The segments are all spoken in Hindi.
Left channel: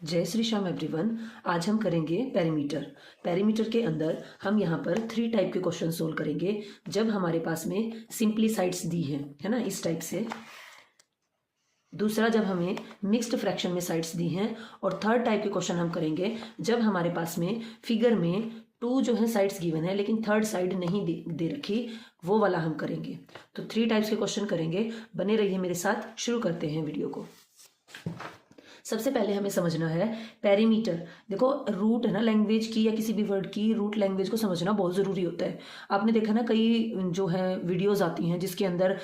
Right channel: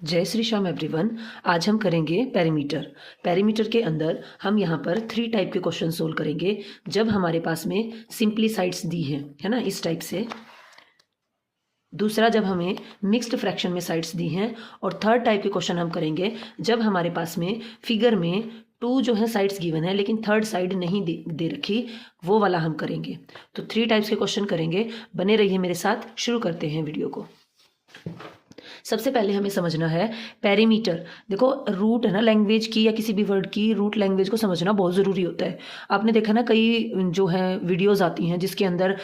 जय श्री श्याम एवरीवन। आज हम करेंगे पेरीमीटर। पेरीमीटर के अंदर हम यहाँ पर 3 टाइप के क्वेश्चन सोल्व करेंगे जब हमारे पास में सिंपली साइड्स दी है ना, इस टाइप से। दूसरा, जब हमें मिक्स्ड फ्रैक्शन में साइड्स दी हैं। और थर्ड टाइप के क्वेश्चन हम करेंगे जब हमारे पास में फिगर में 2 जो है साइड्स गिवन है लेकिन थर्ड साइड नहीं दे रखी, वो वाला हम करेंगे। तो 3 टाइप्स के क्वेश्चन करेंगे, बने रहिए मेरे साथ। शुरू करते हैं वीडियो को। सबसे पहले हमें समझना है पेरीमीटर। देखो, रूट है ना लैंग्वेज की या किसी भी वर्ड की रूट लैंग्वेज को समझना बहुत ज़रूरी होता है। आपने देखा ना, कई जो है वीडियोस आती हैं जिसके अंदर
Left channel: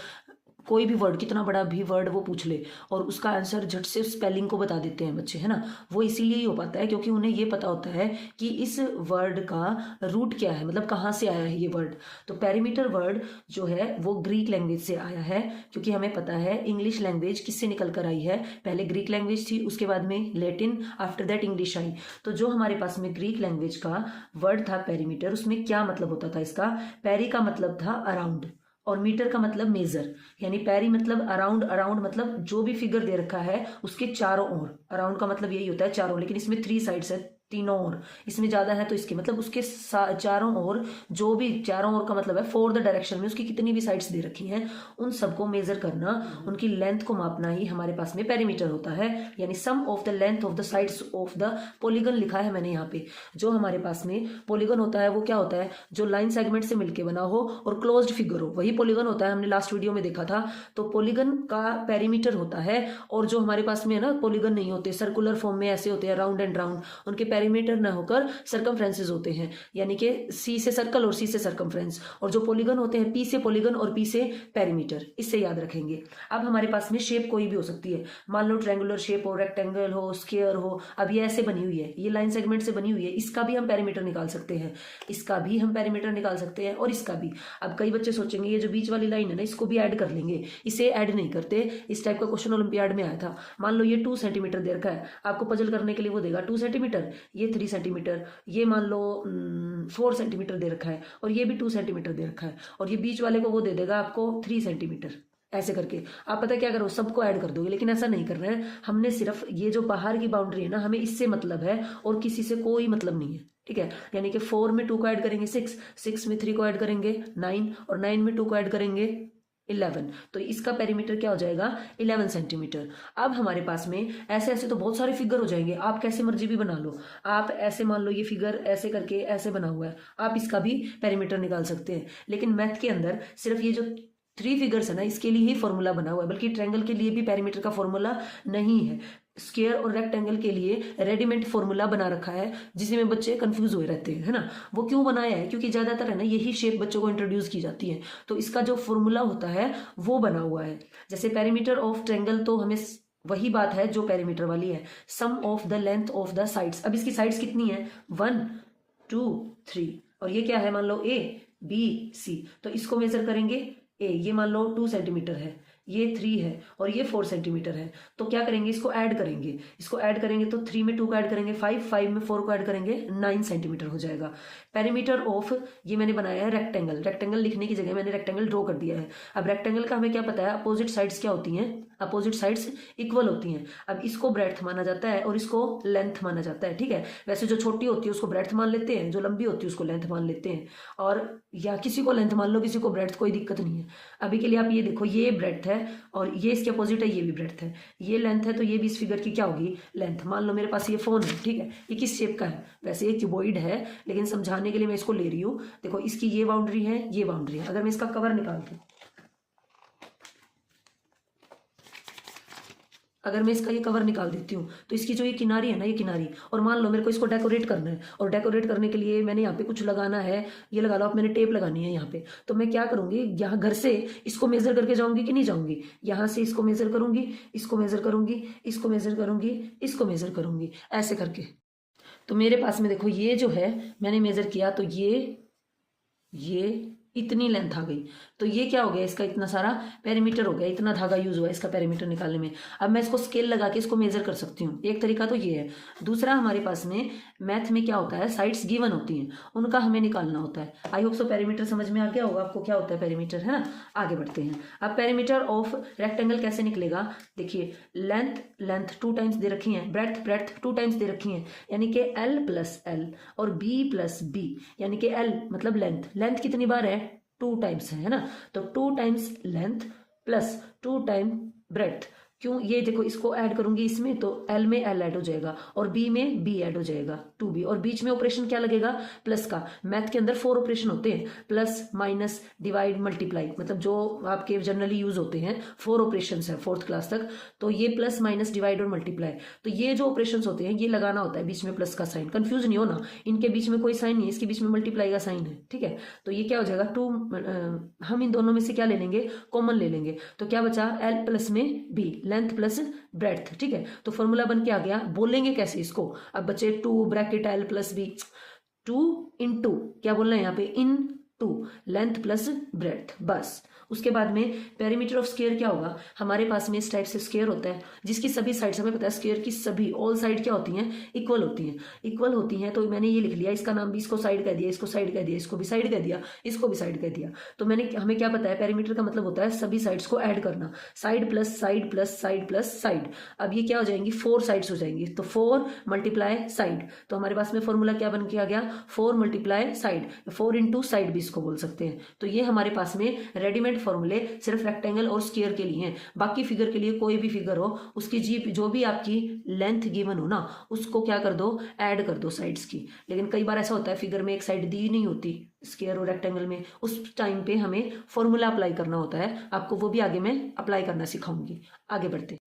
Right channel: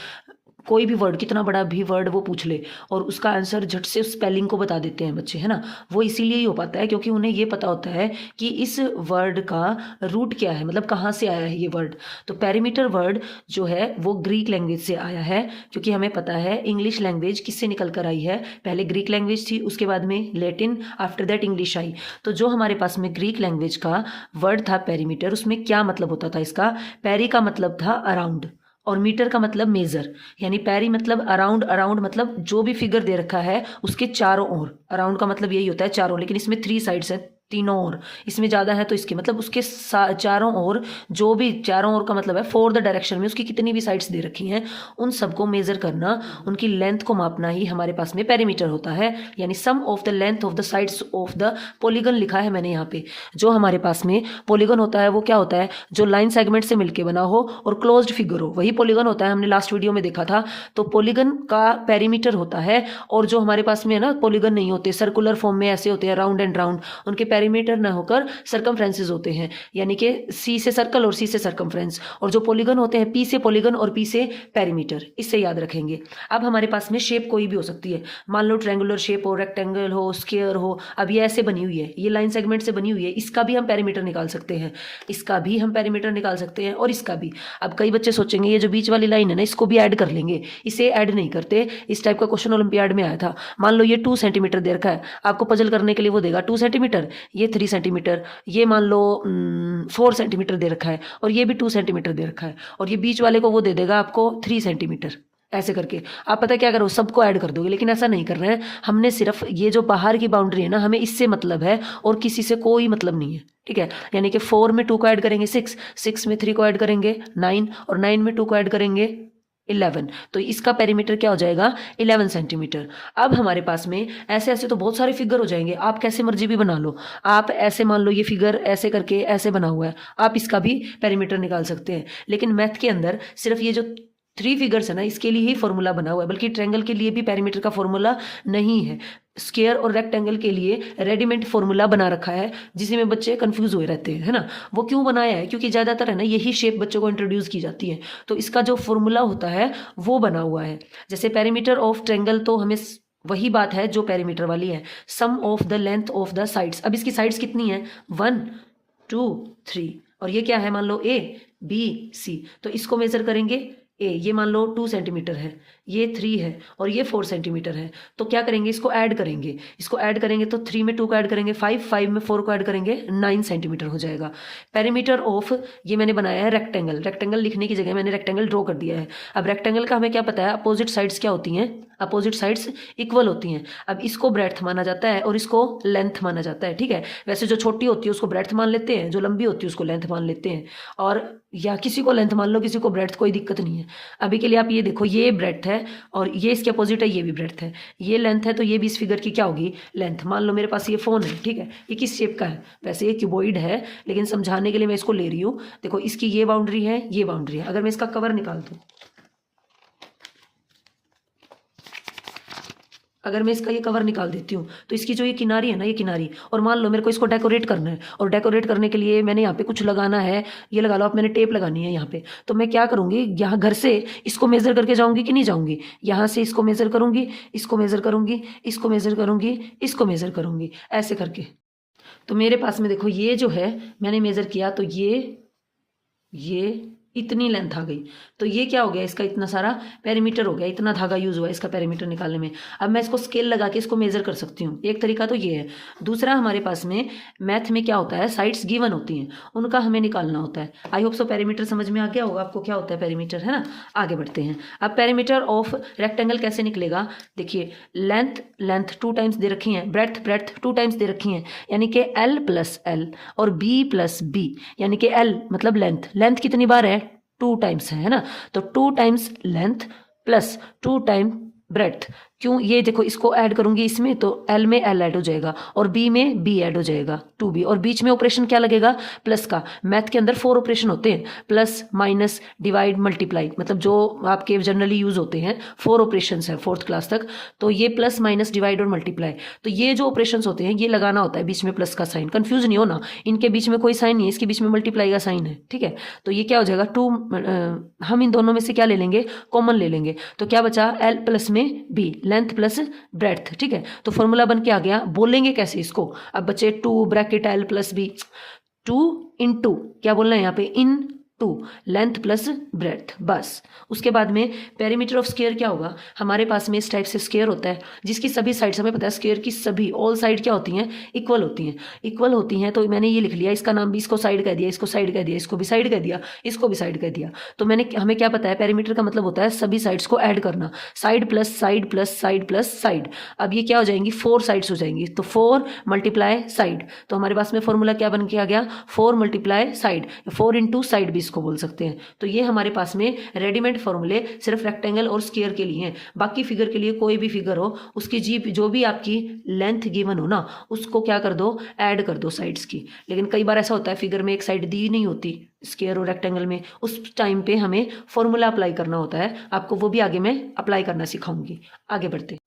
कोई भी वर्ड, कितना बड़ा भी वर्ड वो पूछ ले और उसका आंसर झट से स्पेलिंग को बता देते हैं बच्चे, है ना। वो इसीलिए ही हो पाता है क्योंकि उन्हें ये पता होता है कि इस वर्ड का रूट क्या है, मतलब कहाँ से आया है ये वर्ड। तो पेरीमीटर वर्ड जो है वो ग्रीक लैंग्वेज से आया है, क्योंकि हमें पता है इंग्लिश लैंग्वेज किससे निकल कर आई है। पहले ग्रीक लैंग्वेज थी, उसके बाद में Latin, after that English I. तो जो हमारे पास में ग्रीक लैंग्वेज का वर्ड था पेरीमीटर, उसमें क्या मतलब होता था इसका। पेरी का मतलब था अराउंड और मीटर का मतलब मेजर। यानी पेरी मतलब अराउंड, अराउंड मतलब जो भी फिगर दे रखा है उसके चारों ओर। अराउंड का मतलब यही होता है चारों, लेकिन इसमें 3 साइड्स है, तीनों ओर। इसमें ज़्यादा है तो इसके मतलब उसके चारों ओर, जो भी चारों ओर का मतलब है 4 द डायरेक्शन में उसकी कितनी भी साइड्स दे रखी हैं, उन सबको मेजर करना, उनकी लेंथ को मापना ही हमारे पास में पेरीमीटर होता है। यानी sum of the length of the sides of the polygon लिखा है मैंने यहाँ पे। जो हमारे पास में पॉलीगन होता है वो क्या होता है, जो लाइन सेगमेंट से मिलके बना हो और क्लोज्ड फिगर हो, वही पॉलीगन होता है। हमने लास्ट वीडियो में देखा था। तो पॉलीगन का पेरीमीटर होता है। और जो हमारे पास में है ना, पॉलीगन नहीं होते, सर्कुलर फॉर्म में ऐसे होते हैं, राउंड एंड राउंड, उनके पेरीमीटर ना होकर सर्कमफ्रेंसेस होते हैं। यानी कि सी से सर्कल और सी से सर्कमफ्रेंस। और जो पॉलीगन होते हैं, पी से पॉलीगन और पी से पेरीमीटर। इससे याद रखेंगे। अब हमारे पास में शेप कोई भी हो सकती है। मान लो ट्रायंगुलर शेप हो, रेक्टेंगल हो, स्क्वायर हो। अब ये ऐसे बनी हुई है, ये लाइन सेगमेंट से बनी हुई है, इसका भी हम पेरीमीटर निकाल सकते हैं, इसका भी हम पेरीमीटर निकाल सकते हैं और इसका भी। अब कई बच्चे सोचेंगे ये जो बीच वाली लाइन है ना, इसको भी ऐड कर लेंगे। इसे ऐड नहीं करते। इस टाइप का क्वेश्चन ओलंपियाड में आया था। मान लो ये 2 सेंटीमीटर दे रखा है, आपको पजल करने के लिए वो देगा 2 सेंटीमीटर, ये 3 सेंटीमीटर, ये मान लो 4 सेंटीमीटर दे रखा है और ये भी 2 सेंटीमीटर दे रखा है, और ये बीच वाले को वो दे देगा आपको 3 सेंटीमीटर। ऐसे करके आप पता क्या करो, सबको ऐड कर दोगे। लेकिन ऐसा नहीं करना है, हमने सिर्फ ये जो बाहर की बाउंड्री है ना, हमें इससे मतलब है और किसी से कोई मतलब नहीं है, ठीक है। यानी कि 4 में 2 को ऐड करेंगे 6, 6 में 3 को ऐड करेंगे 9, और 9 में 2 को ऐड करेंगे 11। तो इसका पेरीमीटर क्या हो जाएगा, 11 सेंटीमीटर। अब हमारे पास में ऐसे ऐसे तो बहुत सारे फिगर हो जाएंगे, आप कैसे मर्जी भी बना लो। आप ऐसे मान लो ये फिगर ऐसे करके ऐसे बना हुआ है, आप इसका भी पेरीमीटर निकाल सकते हैं। लेकिन मैथ के अंदर सिर्फ ये जो 3 फिगर्स है ना, इसके लिए ही फॉर्मूला बना हुआ है, बल्कि ट्रायंगल के लिए भी पेरीमीटर का फॉर्मूला नहीं है। स्क्वायर और रेक्टेंगल के लिए रेडीमेड फॉर्मूला बना रखा है, जिसमें बच्चे कंफ्यूज हुए रहते हैं, है ना। वो क्यों बनाया है, क्योंकि ज़्यादातर है ना यही शेप बच्चों को इंट्रोड्यूस की जाती है। तो इसका जो फॉर्मूला होता है वो बना हुआ है। जैसे पेरीमीटर ऑफ ट्रायंगल, तो हमें वही बात है जो पेरीमीटर वाली है, sum of the length of the sides. अब इसकी साइड्स कितनी है, 1 2 3, और ये क्या है, मान लो A B C। तो इसको मेजर करेंगे। ये मान लो 2 सेंटीमीटर है, ये 3 है और ये 4 सेंटीमीटर है। तो क्या करेंगे, इसको ऐड करेंगे। इसको ऐड करेंगे तो 3 में 2 को ऐड करेंगे 5, 5 में 4 को ऐड करेंगे 9 सेंटीमीटर हो जाएगा। पेरीमीटर ऑफ, ये मैंने बनाया है रेक्टेंगल। रेक्टेंगल लिखने की जगह मैंने रेक्टेंगल ड्रॉ कर दिया है। अब रेक्टेंगल का हमें क्या पता है, अपोजिट साइड्स क्या होती हैं, अपोजिट साइड्स इक्वल होती हैं। अब इसको ब्रेड्थ माना जाता है और इसको लेंथ माना जाता है, ठीक है। वैसे जो छोटी होती है उसको ब्रेड्थ मान लेते हैं, जो लंबी होती है उसको लेंथ मान लेते हैं। और या किसी को लेंथ मान लो, किसी को ब्रेड्थ, कोई दिक्कत नहीं है। अभी के लिए आप ये देखो, ये ब्रेड्थ है और ये इसके अपोजिट है, ये भी ब्रेड्थ है। ये लेंथ है तो ये भी इस फिगर की क्या होगी, लेंथ। मान लो मेरे पास ये फोन है, ठीक है। ये किस शेप का है, वैसे ये क्यूबॉइड है, लेकिन समझाने के लिए मैं इसको ले रही हूँ। देखो, इसकी ये बाउंड्री है, ये बाउंड्री है। अगर मैं इसका कवर निकाल दूँ, अगर मैं इसका ये कवर निकाल देती हूँ तो इसकी जो ये किनारी है ना, ये किनारी, और मान लो मेरे को इसको डेकोरेट करना है, और डेकोरेट करने के लिए मैंने यहाँ पे कुछ लगाना है, ये लगा लो आप, मैंने टेप लगानी है यहाँ पे। तो मैं क्या करूँगी, यहाँ घर से इसको मेज़र करके जाऊँगी कि नहीं जाऊँगी, यहाँ से इसको मेज़र करूँगी, इसको मेज़र करूँगी, इसको मेज़र करूँगी, इसको मेज़र करूँगी, ऐसे करके। तो मेरे पास में देखो, ये जो है मैंने मेज़र किया, तो ये इतनी लेंथ आ गई। तो ये क्या हो गया, इसका इतना सारा पेरीमीटर हो गया, इतना धागा यूज हुआ इसका पेरीमीटर निकालने में। अब मैं इसको स्केल लगा के इसको मेजर कर सकती हूँ, एक तरीका तो ये है। दूसरा हमारे पास में मैथ में क्या होता है, साइड्स गिवन होती हैं, उनका हमें निकालना होता है। आई होप सो पेरीमीटर समझ में आ गया होगा आपको क्या होता है पेरीमीटर, है ना। आगे बढ़ते हैं। अब पेरीमीटर ऑफ रेक्टेंगल कैसे निकलेगा, देखिए लेंथ 2 टाइम्स दे रखी है, ब्रेड्थ 2 टाइम्स दे रखी है, यानी कि L + L और B + B, यानी कि L मतलब लेंथ कितनी बार है, 2 टाइम्स है ना। तो 2 times length plus 2 time breadth. क्यों, ये देखो इसको ऐड करूंगी इसमें तो L में L ऐड हो जाएगा और B में B ऐड हो जाएगा, 2B, और बीच में ऑपरेशन क्या लगेगा, प्लस का। मैथ के अंदर 4 ऑपरेशन होते हैं, प्लस माइनस डिवाइड मल्टीप्लाई, मतलब जो आपके जनरली यूज होते हैं 4 ऑपरेशंस है 4th क्लास तक। तो ये प्लस माइनस डिवाइड और मल्टीप्लाई, तो ये जो ऑपरेशंस होते हैं ये लगाना होता है बीच में प्लस का साइन। कंफ्यूज नहीं होना, इनके बीच में कोई साइन नहीं है, इसके बीच में मल्टीप्लाई का साइन है, ठीक है। तो ये क्या हो जाएगा 2, हम इन दोनों में से क्या ले लेंगे, कॉमन ले लेंगे। तो क्या बचा, L प्लस में B, लेंथ प्लस ब्रेड्थ, ठीक है। तो फॉर्मूला बन के आ गया। बोलेंगे कैसे इसको, अब बचे 2 ब्रैकेट L + B, 2 × क्या बोलना है यहाँ पे, इन 2 लेंथ प्लस ब्रेड्थ, बस। उसके बाद में पेरीमीटर ऑफ स्क्वायर क्या होगा, हमारे पास में इस टाइप से स्क्वायर होता है जिसकी सभी साइड्स, हमें पता है स्क्वायर की सभी ऑल साइड क्या होती हैं, इक्वल होती हैं। तो मैंने ये लिख लिया, इसका नाम भी, इसको साइड कह दिया, इसको साइड कह दिया, इसको भी साइड कह दिया, इसको भी साइड कह दिया। तो हमें क्या पता है, पेरीमीटर का मतलब होता है सभी साइड्स को ऐड करना, side plus side plus side plus side. अब ये क्या हो जाएंगी, 4 साइड्स हो जाएंगी, तो 4 × साइड। तो हमारे पास में फॉर्मूला क्या बन के आ गया, 4 × साइड, 4 × साइड भी इसको बोल सकते हैं। तो ये हमारे पास में रेडीमेड फॉर्मूले सिर्फ रेक्टेंगल और स्क्वायर के लिए हैं। बाकी फिगर के लिए कोई भी फिगर हो, उसकी जो भी आपकी लेंथ गिवन हो ना, उसको क्या कर दो, ऐड कर दो साइड्स की। लेकिन कई बार ऐसा होता है फिगर में एक साइड दी नहीं होती स्क्वायर और रेक्टेंगल में, उस टाइम पे हमें फॉर्मूला अप्लाई करना होता है, आपको वो भी आगे मैं अप्लाई करना सिखाऊंगी। आगे बढ़ते।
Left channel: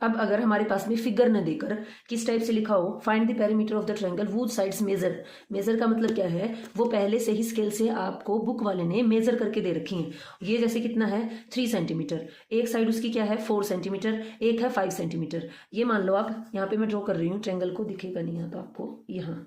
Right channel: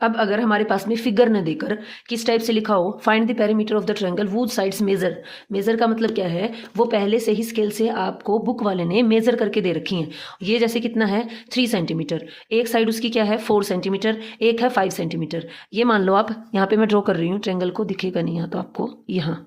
अब अगर हमारे पास में फिगर न देकर किस टाइप से लिखा हो, find the perimeter of the triangle whose sides measure का मतलब क्या है, वो पहले से ही स्केल से आपको बुक वाले ने मेजर करके दे रखी हैं। ये जैसे कितना है 3 सेंटीमीटर, एक साइड उसकी क्या है 4 सेंटीमीटर, एक है 5 सेंटीमीटर। ये मान लो आप, यहाँ पे मैं ड्रॉ कर रही हूँ, ट्रायंगल को दिखेगा नहीं यहाँ तो आपको, यहाँ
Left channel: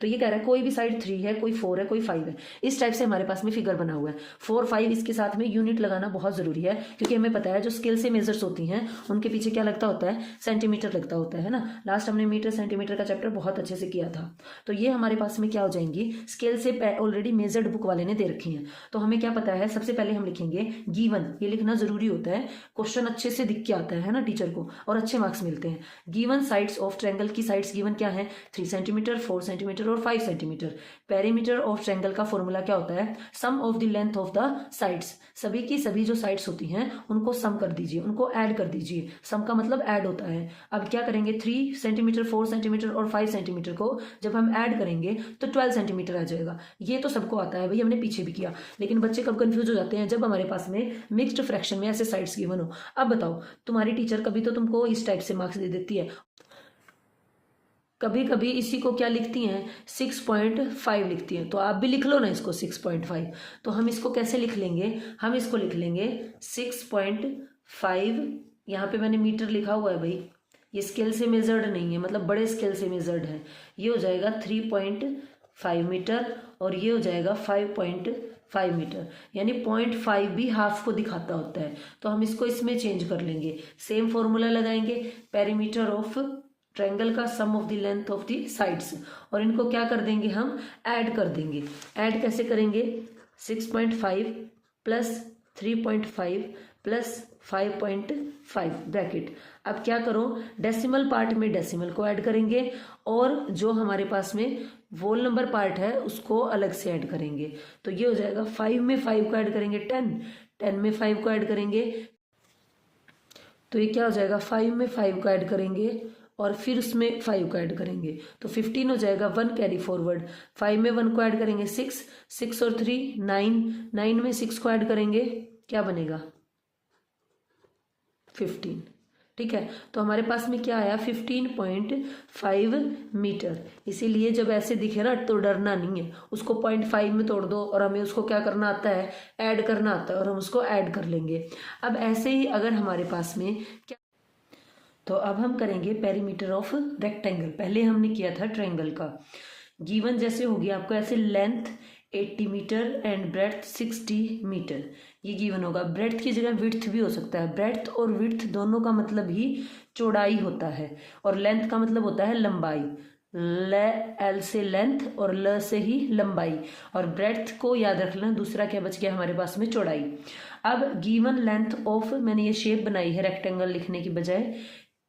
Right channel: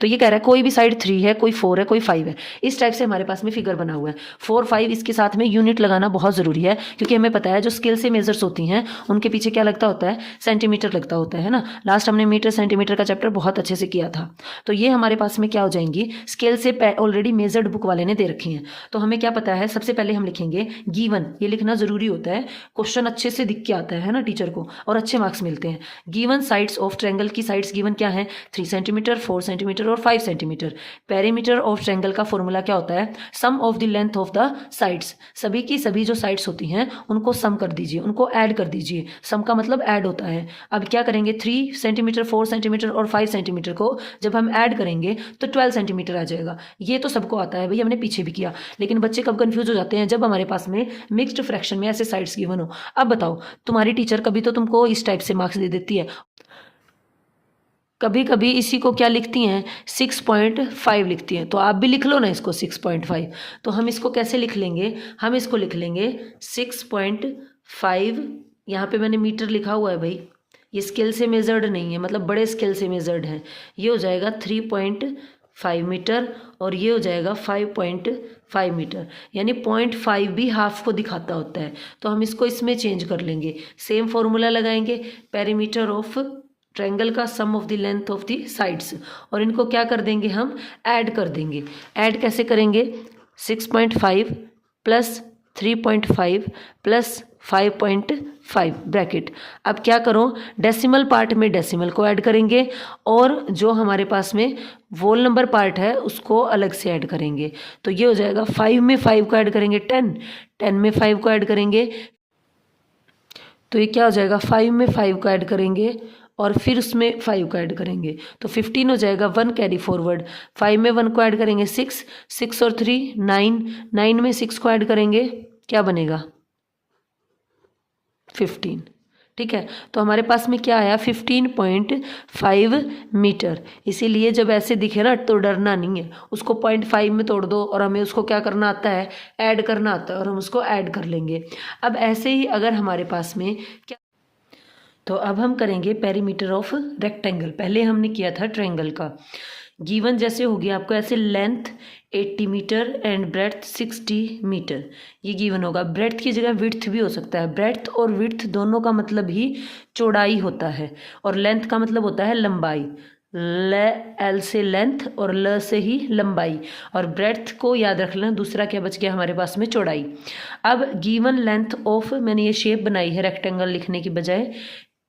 तो ये कह रहा है कोई भी साइड 3 है, कोई 4 है, कोई 5 है। इस टाइप से हमारे पास में फिगर बना हुआ है। 4, 5 इसके साथ में यूनिट लगाना बहुत ज़रूरी है, क्योंकि हमें पता है जो स्केल से मेजर्स होती हैं उनके पीछे क्या लगता होता है, सेंटीमीटर लगता होता है ना। लास्ट हमने मीटर सेंटीमीटर का चैप्टर बहुत अच्छे से किया था। तो ये हमारे पास में क्या हो जाएंगी, स्केल से ऑलरेडी मेजर्ड बुक वाले ने दे रखी हैं। तो हमें क्या पता है, सबसे पहले हम लिखेंगे गिवन, ये लिखना ज़रूरी होता है, क्वेश्चन अच्छे से दिख के आता है ना टीचर को, और अच्छे मार्क्स मिलते हैं। गिवन साइड्स ऑफ ट्रायंगल की साइड्स गिवन क्या है, 3 सेंटीमीटर, 4 सेंटीमीटर और 5 सेंटीमीटर। पेरीमीटर ऑफ ट्रायंगल का फॉर्मूला क्या होता है, sum of the length of the sides, सभी की सभी जो साइड्स होती हैं उनको सम कर दीजिए, उनको ऐड कर दीजिए। सम का मतलब ऐड होता है। अब क्या करेंगे, 3 सेंटीमीटर, 4 सेंटीमीटर और 5 सेंटीमीटर को जब हम ऐड करेंगे तो 12 सेंटीमीटर आ जाएगा। ये तो सबको आता है भाई, हमने पीछे भी किया। लेकिन बच्चे कब कंफ्यूज हो जाते हैं, जब हमारे पास में मिक्स्ड फ्रैक्शन में ऐसे साइड्स गिवन हो। अब बताओ, तुम्हारी टीचर कभी तो तुमको इस टाइप से मार्क्स दे देती है, कभी कभी इसी को क्या लिखती हैं, 6.5 लिखती हैं। तो आप भी लिख लो ना इसको 6.5। तो हम इसको कैसे लिख लेंगे, हम इसको लिख लेंगे 6.5, यहाँ पे मैंने मीटर लिखा हुआ है भाई, ये स्केल से मेजर्ड नहीं है, मतलब बड़े स्केल से मेजर्ड है। ये हो जाएगा 3.5 मीटर और ये हो जाएगा 5.5 मीटर, यानी 0.5 भी हाफ को दिखाता होता है। तो हम इसको इसमें चेंज कर लेंगे, सेम फॉर्मूला लगाएंगे, पेरीमीटर ऑफ ट्रायंगल का sum of the length of the sides, और इनको क्या कर देंगे, हम ऐड कर देंगे। ऐड कैसे करेंगे, 6.5 प्लस 3.5 प्लस 5.5 ब्रैकेट। अब क्या करो, डेसिमल पार्ट में डेसिमल को ऐड करेंगे, और जो हमारे पास में वोल नंबर पार्ट है उसको अलग से ऐड करेंगे। तो ये हो जाएगा 5 में 5 को ऐड करेंगे 10 में 5 को ऐड करेंगे, तो ये क्या हो जाएगा, 5 में 5 को ऐड करेंगे और फिर उसमें 5 को ऐड करेंगे तो 15 हो जाएगा। 1 कैरी फॉरवर्ड, 5 में 1 को ऐड करेंगे 6 और 3 9 में 6 को ऐड करेंगे, क्या बनेगा 15। ठीक है, तो हमारे पास में क्या आया 15.5 मीटर। इसीलिए जब ऐसे दिखे ना तो डरना नहीं है, उसको 0.5 में तोड़ दो और हमें उसको क्या करना आता है, ऐड करना आता है, और हम उसको ऐड कर लेंगे। अब ऐसे ही अगर हमारे पास में क्या, तो अब हम करेंगे पेरीमीटर ऑफ रेक्टेंगल। पहले हमने किया था ट्रायंगल का। गिवन जैसे होगी आपको ऐसे length 80 metre and breadth 60 metre, ये गिवन होगा। ब्रेड्थ की जगह विड्थ भी हो सकता है। ब्रेड्थ और विड्थ दोनों का मतलब ही चौड़ाई होता है, और लेंथ का मतलब होता है लंबाई। एल से लेंथ और ल से ही लंबाई, और ब्रेड्थ को याद रख लेना। दूसरा क्या बच गया हमारे पास में? चौड़ाई। अब गिवन लेंथ ऑफ, मैंने ये शेप बनाई है रेक्टेंगल लिखने की बजाय,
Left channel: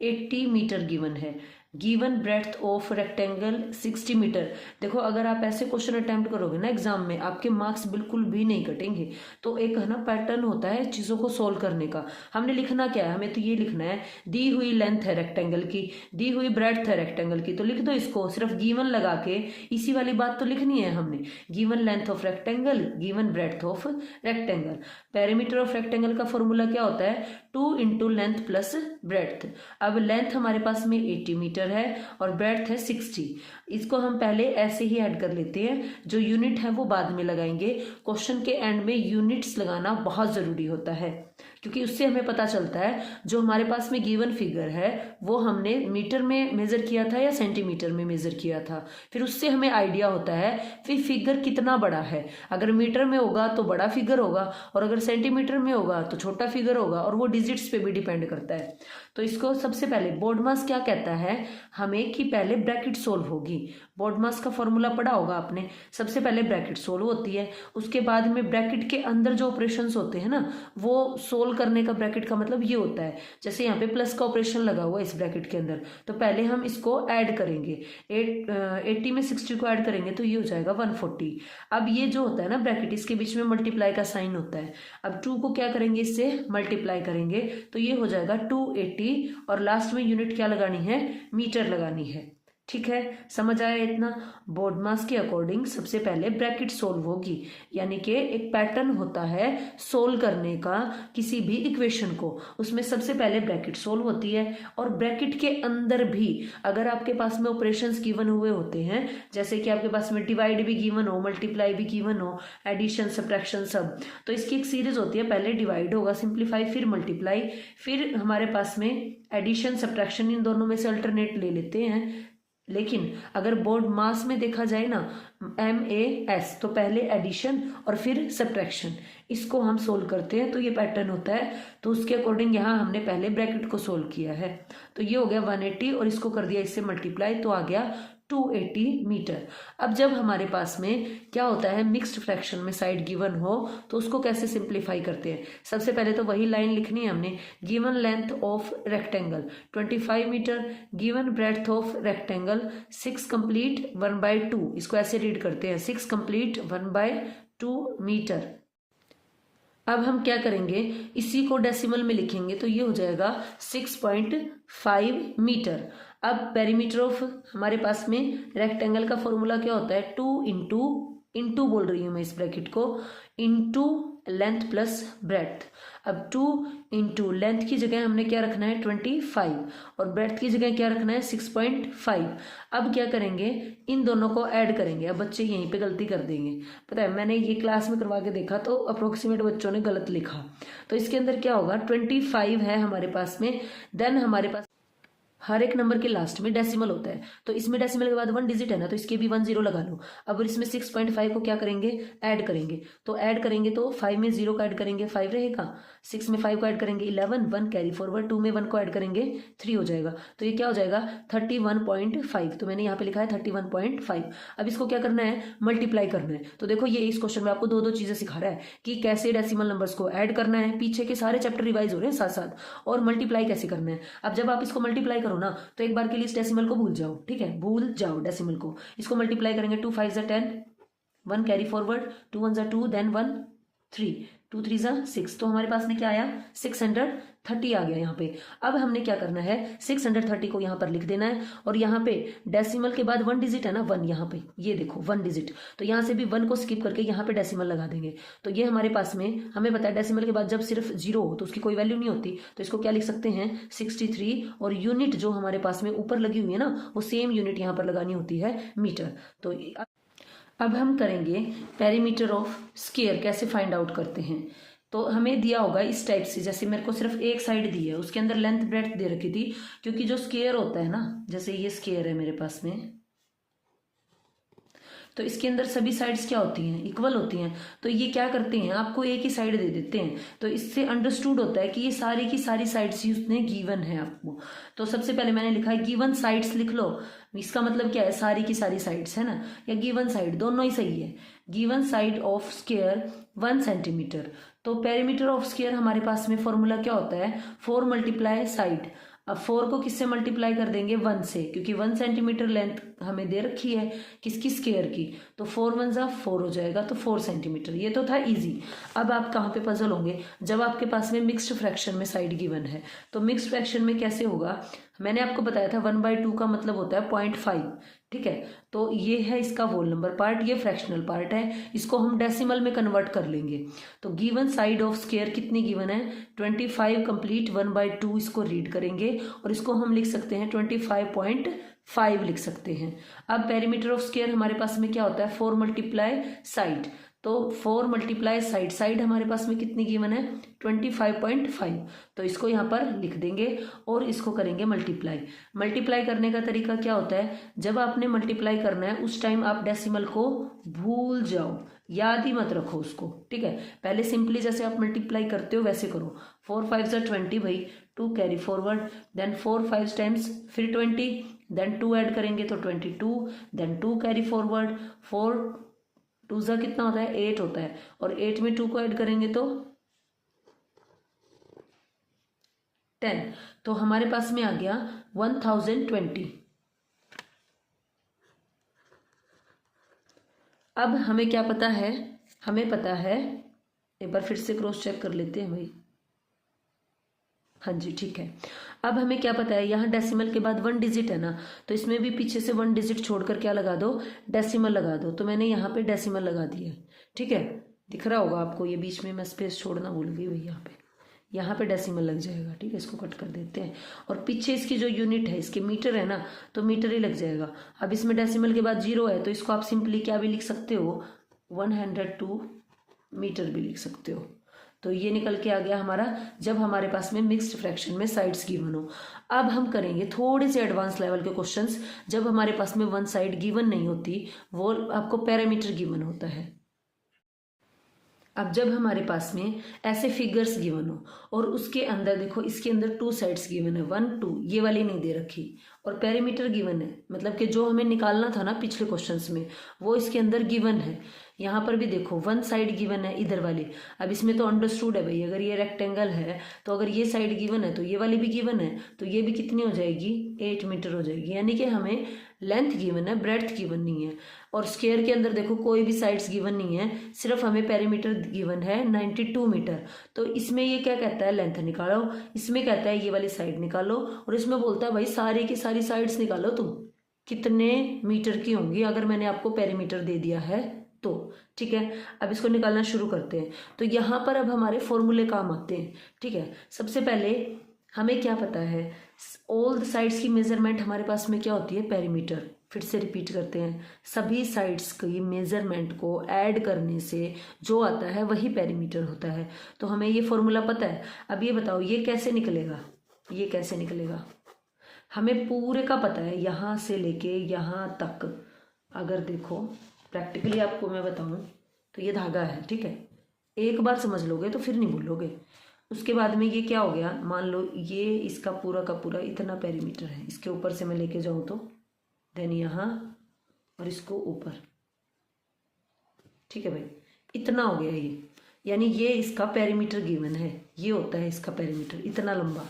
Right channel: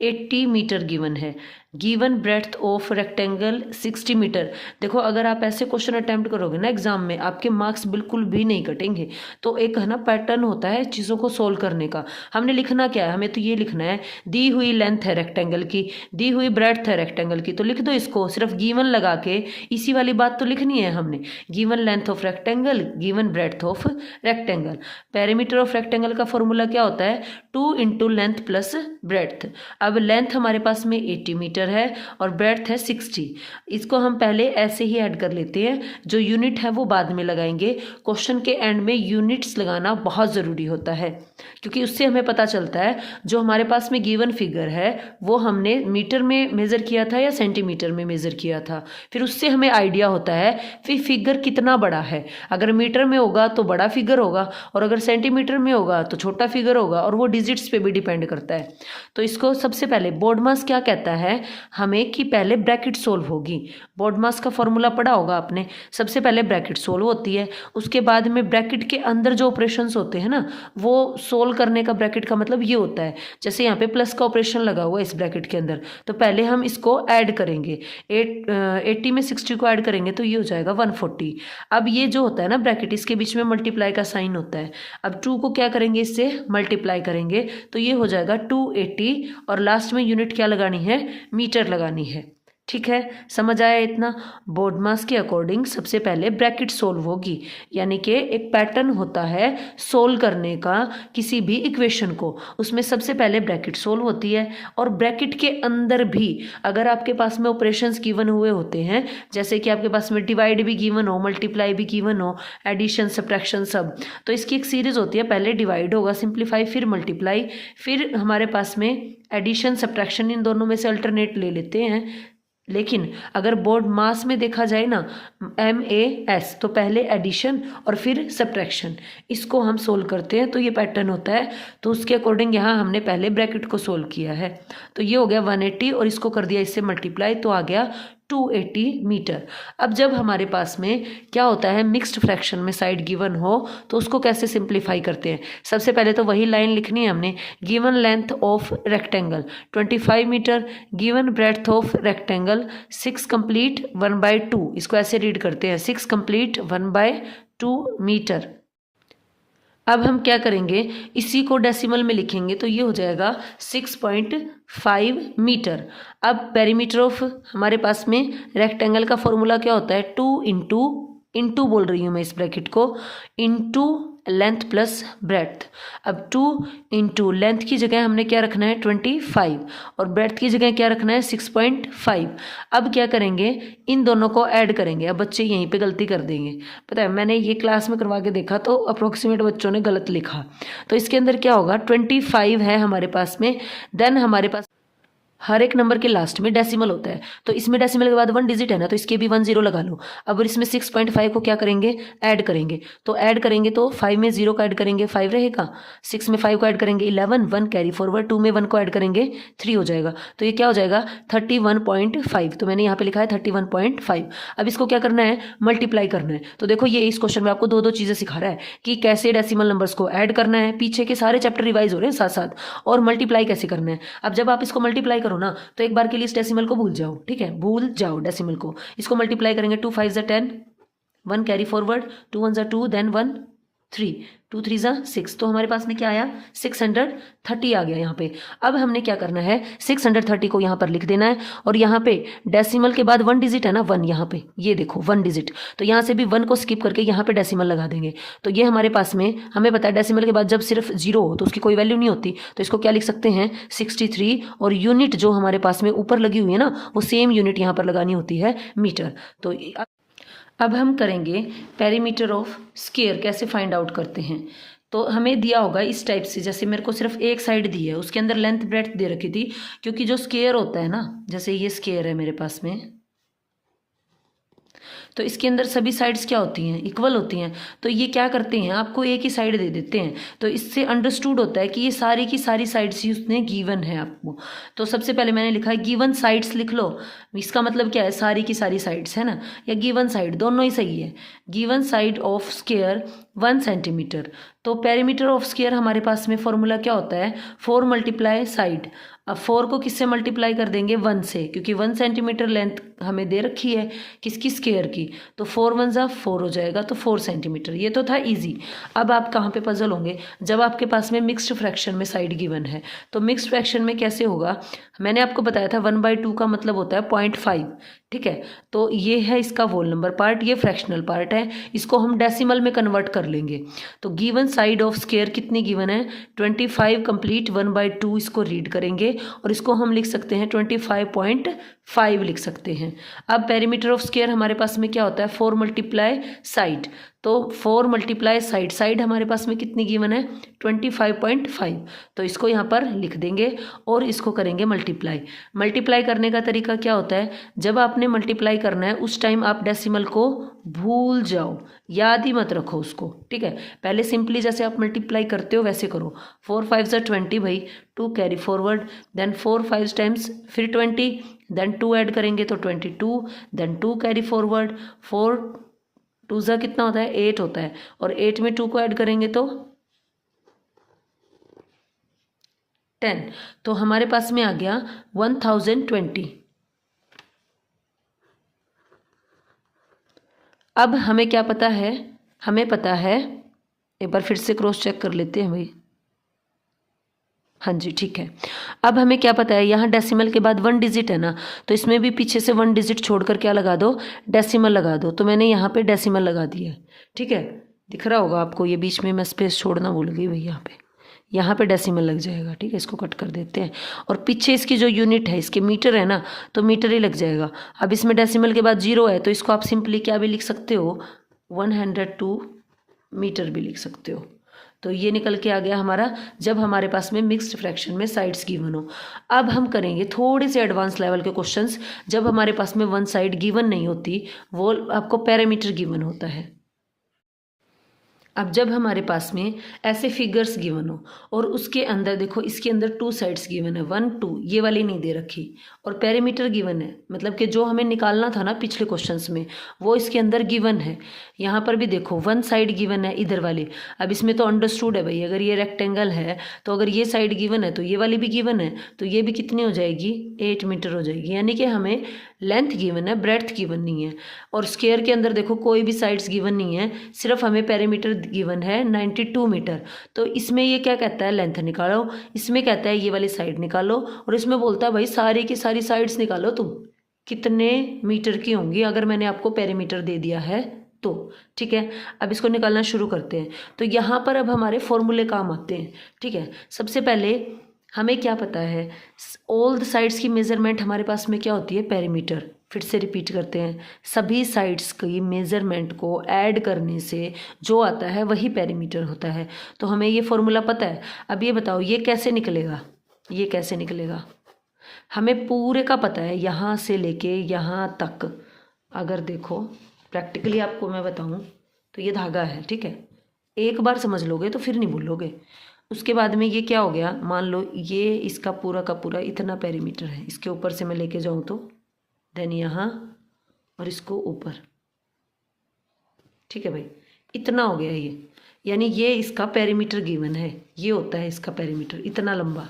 80 मीटर गिवन है। Given breadth of rectangle 60 metre. देखो अगर आप ऐसे क्वेश्चन अटेम्प्ट करोगे ना एग्जाम में, आपके मार्क्स बिल्कुल भी नहीं कटेंगे। तो एक है ना पैटर्न होता है चीज़ों को सोल्व करने का। हमने लिखना क्या है? हमें तो ये लिखना है, दी हुई लेंथ है रेक्टेंगल की, दी हुई ब्रेड्थ है रेक्टेंगल की, तो लिख दो इसको, सिर्फ गिवन लगा के इसी वाली बात तो लिखनी है हमने। Given length of rectangle, given breadth of rectangle. Perimeter of rectangle का फॉर्मूला क्या होता है? 2 इंटू लेंथ प्लस ब्रेड्थ। अब लेंथ हमारे पास में 80 मीटर है और ब्रेड्थ है 60। इसको हम पहले ऐसे ही ऐड कर लेते हैं, जो यूनिट है वो बाद में लगाएंगे। क्वेश्चन के एंड में यूनिट्स लगाना बहुत ज़रूरी होता है, क्योंकि उससे हमें पता चलता है जो हमारे पास में गिवन फिगर है वो हमने मीटर में मेज़र किया था या सेंटीमीटर में मेज़र किया था। फिर उससे हमें आइडिया होता है फिर फिगर कितना बड़ा है। अगर मीटर में होगा तो बड़ा फिगर होगा, और अगर सेंटीमीटर में होगा तो छोटा फिगर होगा, और वो डिजिट्स पे भी डिपेंड करता है। तो इसको सबसे पहले बोर्ड मास क्या कहता है हमें, कि पहले ब्रैकेट सोल्व होगी। बोर्ड मास का फॉर्मूला पढ़ा होगा आपने। सबसे पहले ब्रैकेट सोल्व होती है, उसके बाद में ब्रैकेट के अंदर जो ऑपरेशंस होते हैं ना, वो सोल्व करने का ब्रैकेट का मतलब ये होता है। जैसे यहाँ पे प्लस का ऑपरेशन लगा हुआ है इस ब्रैकेट के अंदर, तो पहले हम इसको ऐड करेंगे। 80 में 60 को ऐड करेंगे तो ये हो जाएगा 140। अब ये जो होता है ना ब्रैकेट, इसके बीच में मल्टीप्लाई का साइन होता है। अब 2 को क्या करेंगे? इससे मल्टीप्लाई करेंगे, तो ये हो जाएगा 280, और लास्ट में यूनिट क्या लगानी है? मीटर लगानी है। ठीक है, समझ आया इतना? बोर्ड मास के अकॉर्डिंग सबसे पहले ब्रैकेट सोल्व होगी, यानी कि एक पैटर्न होता है सोल्व करने का किसी भी इक्वेशन को, उसमें सबसे पहले ब्रैकेट सोल्व होती है। और ब्रैकेट के अंदर भी अगर आपके पास में ऑपरेशंस गिवन हुए होते हैं, जैसे कि आपके पास में डिवाइड भी गिवन हो, मल्टीप्लाई भी गिवन हो, एडिशन सब्ट्रैक्शन सब, तो इसकी एक सीरीज होती है। पहले डिवाइड होगा, सिंप्लीफाई, फिर मल्टीप्लाई, फिर हमारे पास में एडिशन सब्ट्रैक्शन, इन दोनों में से अल्टरनेट ले लेते हैं। लेकिन अगर बोर्ड मास में देखा जाए ना, MAS, तो पहले एडिशन और फिर सब्ट्रैक्शन, इसको हम सोल्व करते हैं, तो ये पैटर्न होता है। तो उसके अकॉर्डिंग यहाँ हमने पहले ब्रैकेट को सोल्व किया है, तो ये हो गया 180, और इसको कर दिया इससे मल्टीप्लाई, तो आ गया 280 मीटर। अब जब हमारे पास में क्या होता है, मिक्स्ड फ्रैक्शन में साइड गिवन हो, तो उसको कैसे सिंप्लीफाई करते हैं? सबसे पहले तो वही लाइन लिखनी है हमने, given length of rectangle 25 metre, given breadth of rectangle 6 complete 1/2। इसको ऐसे रीड करते हैं, 6 कंप्लीट 1/2 मीटर। अब हम क्या करेंगे, इसी को डेसिमल में लिखेंगे, तो ये हो जाएगा 6.5 मीटर। अब पेरीमीटर ऑफ हमारे पास में रेक्टेंगल का फॉर्मूला क्या होता है? 2 इंटू बोल रही हूँ मैं इस ब्रैकेट को, इंटू लेंथ प्लस ब्रेड्थ। अब 2 इंटू लेंथ की जगह हमने क्या रखना है? 25, और ब्रेड्थ की जगह क्या रखना है? 6.5। अब क्या करेंगे, इन दोनों को ऐड करेंगे। अब बच्चे यहीं पे गलती कर देंगे, पता है, मैंने ये क्लास में करवा के देखा तो अप्रोक्सीमेट बच्चों ने गलत लिखा। तो इसके अंदर क्या होगा, 25 है हमारे पास में, देन हमारे पास हर एक नंबर के लास्ट में डेसिमल होता है, तो इसमें डेसिमल के बाद 1 डिजिट है ना, तो इसके भी 1 0 लगा लो। अब इसमें 6.5 को क्या करेंगे? ऐड करेंगे। तो ऐड करेंगे तो 5 में 0 का ऐड करेंगे 5 रहेगा, 6 में 5 को ऐड करेंगे 11, 1 कैरी फॉरवर्ड, 2 में 1 को ऐड करेंगे 3 हो जाएगा। तो ये क्या हो जाएगा? 31.5। तो मैंने यहाँ पे लिखा है 31.5। अब इसको क्या करना है? मल्टीप्लाई करना है। तो देखो ये इस क्वेश्चन में आपको दो चीज़ें सिखा रहा है कि कैसे डेसिमल नंबर्स को ऐड करना है, पीछे के सारे चैप्टर रिवाइज हो रहे हैं साथ साथ, और मल्टीप्लाई कैसे करना है। अब जब आप इसको मल्टीप्लाई करो ना, तो एक बार के लिए इस डेसिमल को भूल जाओ, ठीक है, भूल जाओ डेसिमल को। इसको मल्टीप्लाई करेंगे, 2 5 ज़ा 10, 1 कैरी फॉरवर्ड, 2 1 ज़ा 2, देन 1 3, 2 3 ज़ा 6। तो हमारे पास में क्या आया? 630 आ गया यहाँ पे। अब हमने क्या करना है, 630 को यहाँ पर लिख देना है, और यहाँ पे डेसिमल के बाद 1 डिजिट है ना, 1, यहाँ पे ये देखो 1 डिजिट, तो यहाँ से भी 1 को स्किप करके यहाँ पे डेसिमल लगा देंगे। तो ये हमारे पास में, हमें पता है डेसिमल के बाद जब सिर्फ 0 हो तो उसकी कोई वैल्यू नहीं होती, तो इसको क्या लिख सकते हैं? 63, और यूनिट जो हमारे पास में ऊपर लगी हुई है ना, वो सेम यूनिट यहाँ पर लगानी होती है, मीटर। तो अब हम करेंगे पेरीमीटर ऑफ स्क्वायर, कैसे फाइंड आउट करते हैं। तो हमें दिया होगा इस टाइप से, जैसे मेरे को सिर्फ एक साइड दी है, उसके अंदर लेंथ ब्रेड्थ दे रखी थी, क्योंकि जो स्क्वायर होता है ना, जैसे ये स्क्वायर है मेरे पास में, तो इसके अंदर सभी साइड्स क्या होती हैं, इक्वल होती हैं। तो ये क्या करते हैं, आपको एक ही साइड दे देते हैं। तो इससे अंडरस्टूड होता है कि ये सारी की सारी साइड्स ही उसने गिवन है आपको। तो सबसे पहले मैंने लिखा है गिवन साइड्स, लिख लो। इसका मतलब क्या है, सारी की सारी साइड्स है ना, या गिवन साइड, दोनों ही सही है। Given side of square 1 centimetre. तो पेरीमीटर ऑफ स्क्वायर हमारे पास में फॉर्मूला क्या होता है, 4 मल्टीप्लाई साइड। अब 4 को किससे मल्टीप्लाई कर देंगे, 1 से, क्योंकि 1 सेंटीमीटर लेंथ हमें दे रखी है किसकी, स्क्वायर की। तो 4 1 जा 4 हो जाएगा, तो 4 सेंटीमीटर। ये तो था इजी। अब आप कहाँ पे पजल होंगे, जब आपके पास में मिक्स्ड फ्रैक्शन में साइड गिवन है। तो मिक्स्ड फ्रैक्शन में कैसे होगा, मैंने आपको बताया था 1/2 का मतलब होता है 0.5, ठीक है। तो ये है इसका होल नंबर पार्ट, ये फ्रैक्शनल पार्ट है, इसको हम डेसिमल में कन्वर्ट कर लेंगे। तो गिवन साइड ऑफ स्क्वायर कितनी गिवन है, 25 कंप्लीट, 1/2 इसको रीड करेंगे और इसको हम लिख सकते हैं 25.5 लिख सकते हैं। अब पेरीमीटर ऑफ स्क्वायर हमारे पास में क्या होता है, 4 मल्टीप्लाई साइड। तो 4 मल्टीप्लाई साइड, साइड हमारे पास में कितनी गिवन है, 25.5। तो इसको यहाँ पर लिख देंगे और इसको करेंगे मल्टीप्लाई। मल्टीप्लाई करने का तरीका क्या होता है, जब आपने मल्टीप्लाई करना है उस टाइम आप डेसिमल को भूल जाओ, याद ही मत रखो उसको, ठीक है। पहले सिंपली जैसे आप मल्टीप्लाई करते हो वैसे करो। 4 5 जा 20 भाई, 2 कैरी फॉरवर्ड, देन 4 5 टाइम्स फिर 20, देन 2 ऐड करेंगे तो 22, देन 2 कैरी फॉरवर्ड, 4 2 जा कितना होता है, 8 होता है, और 8 में 2 को ऐड करेंगे तो 10। तो हमारे पास में आ गया 1020। अब हमें क्या पता है, हमें पता है, एक बार फिर से क्रॉस चेक कर लेते हैं भाई, हाँ जी ठीक है। अब हमें क्या पता है, यहाँ डेसिमल के बाद 1 डिजिट है ना, तो इसमें भी पीछे से 1 डिजिट छोड़कर क्या लगा दो, डेसिमल लगा दो। तो मैंने यहाँ पे डेसिमल लगा दिया, ठीक है। दिख रहा होगा आपको, ये बीच में मैं स्पेस छोड़ना भूल गई भाई, यहाँ पे डेसिमल लग जाएगा, ठीक है। इसको कट कर देते हैं, और पीछे इसकी जो यूनिट है, इसके मीटर है ना, तो मीटर ही लग जाएगा। अब इसमें डेसिमल के बाद 0 है, तो इसको आप सिंपली क्या भी लिख सकते हो, 102 मीटर भी लिख सकते हो। तो ये निकल के आ गया हमारा, जब हमारे पास में मिक्स्ड फ्रैक्शन में साइड्स गिवन हो। अब हम करेंगे थोड़े से एडवांस लेवल के क्वेश्चंस, जब हमारे पास में 1 साइड गिवन नहीं होती, वो आपको पैरामीटर गिवन होता है। अब जब हमारे पास में ऐसे फिगर्स गिवन हो और उसके अंदर देखो, इसके अंदर 2 साइड्स गिवन है, 1 2, ये वाली नहीं दे रखी, और पेरीमीटर गिवन है, मतलब कि जो हमें निकालना था ना पिछले क्वेश्चंस में, वो इसके अंदर गिवन है। यहाँ पर भी देखो 1 साइड गिवन है इधर वाली। अब इसमें तो अंडरस्टूड है भाई, अगर ये रेक्टेंगल है तो अगर ये साइड गिवन है तो ये वाली भी गिवन है, तो ये भी कितनी हो जाएगी, 8 मीटर हो जाएगी। यानी कि हमें लेंथ गिवन है, ब्रेड्थ गिवन नहीं है। और स्क्वायर के अंदर देखो कोई भी साइड्स गिवन नहीं है, सिर्फ हमें पेरीमीटर गिवन है 92 मीटर। तो इसमें ये क्या कहता है, लेंथ निकालो, इसमें कहता है ये वाली साइड निकालो, और इसमें बोलता है भाई सारी की सारी साइड्स निकालो तुम, कितने मीटर की होंगी अगर मैंने आपको पेरीमीटर दे दिया है तो, ठीक है। अब इसको निकालना शुरू करते हैं। तो यहाँ पर अब हमारे फॉर्मूले काम आते हैं, ठीक है। सबसे पहले हमें क्या पता है, ऑल द साइड्स की मेजरमेंट हमारे पास में क्या होती है, पेरीमीटर। फिर से रिपीट करते हैं, सभी साइड्स की मेजरमेंट को ऐड करने से जो आता है वही पेरीमीटर होता है। तो हमें ये फॉर्मूला पता है। अब ये बताओ ये कैसे निकलेगा, ये कैसे निकलेगा, हमें पूरे का पता है, यहाँ से लेके यहाँ तक। अगर देखो प्रैक्टिकली आपको मैं बताऊँ तो ये धागा है, ठीक है। एक बार समझ लोगे तो फिर नहीं भूलोगे। उसके बाद में ये क्या हो गया, मान लो ये इसका पूरा का पूरा इतना पेरीमीटर है, इसके ऊपर से मैं लेके जाऊँ तो, देन यहाँ और इसको ऊपर, ठीक है भाई, इतना हो गया ये। यानी ये इसका पेरीमीटर गिवन है, ये होता है इसका पेरीमीटर, इतना लंबा।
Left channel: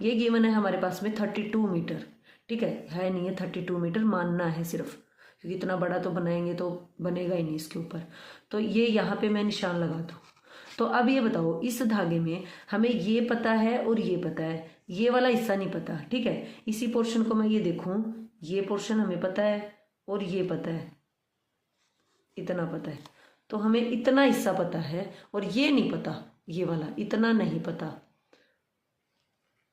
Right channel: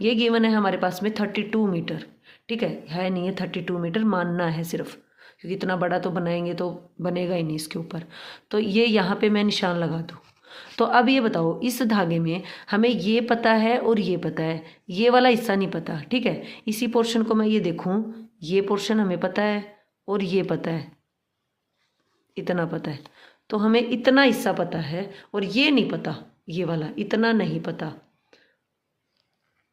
ये गिवन है हमारे पास में 32 मीटर, ठीक है नहीं है 32 मीटर, मानना है सिर्फ, क्योंकि इतना बड़ा तो बनाएंगे तो बनेगा ही नहीं इसके ऊपर। तो ये यहाँ पे मैं निशान लगा दूँ। तो अब ये बताओ, इस धागे में हमें ये पता है और ये पता है, ये वाला हिस्सा नहीं पता, ठीक है। इसी पोर्शन को मैं ये देखूं, ये पोर्शन हमें पता है और ये पता है, इतना पता है। तो हमें इतना हिस्सा पता है और ये नहीं पता, ये वाला इतना नहीं पता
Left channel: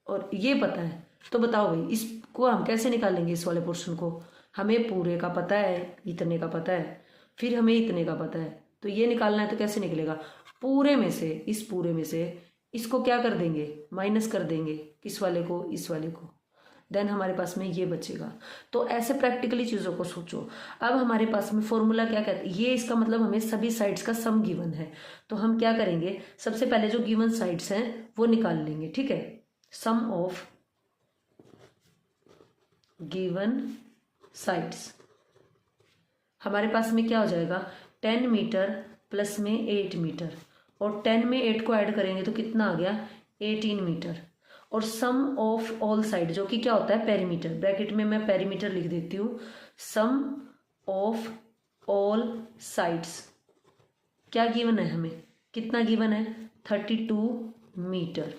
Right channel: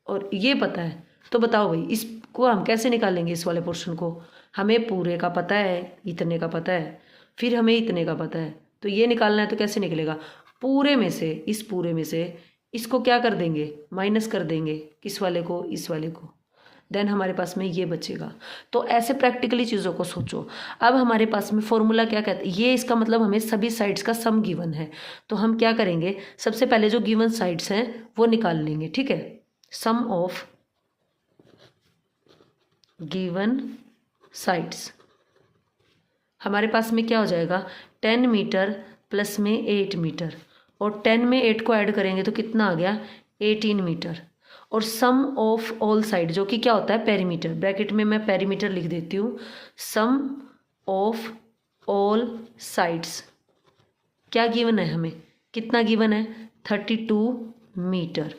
और ये पता है। तो बताओ भाई इसको हम कैसे निकालेंगे, इस वाले पोर्शन को। हमें पूरे का पता है, इतने का पता है, फिर हमें इतने का पता है, तो ये निकालना है। तो कैसे निकलेगा, पूरे में से, इस पूरे में से इसको क्या कर देंगे, माइनस कर देंगे, किस वाले को, इस वाले को। देन हमारे पास में ये बचेगा। तो ऐसे प्रैक्टिकली चीज़ों को सोचो। अब हमारे पास में फॉर्मूला क्या कहता है, ये इसका मतलब हमें सभी साइड्स का सम गिवन है। तो हम क्या करेंगे, सबसे पहले जो गिवन साइड्स हैं वो निकाल लेंगे, ठीक है। सम ऑफ गिवन साइड्स हमारे पास में क्या हो जाएगा, 10 मीटर प्लस में 8 मीटर, और 10 में 8 को ऐड करेंगे तो कितना आ गया, 18 मीटर। और सम ऑफ ऑल साइड जो कि क्या होता है, पेरीमीटर, ब्रैकेट में मैं पेरीमीटर लिख देती हूँ। सम ऑफ ऑल साइड्स क्या गिवन है, हमें कितना गिवन है, 32 मीटर।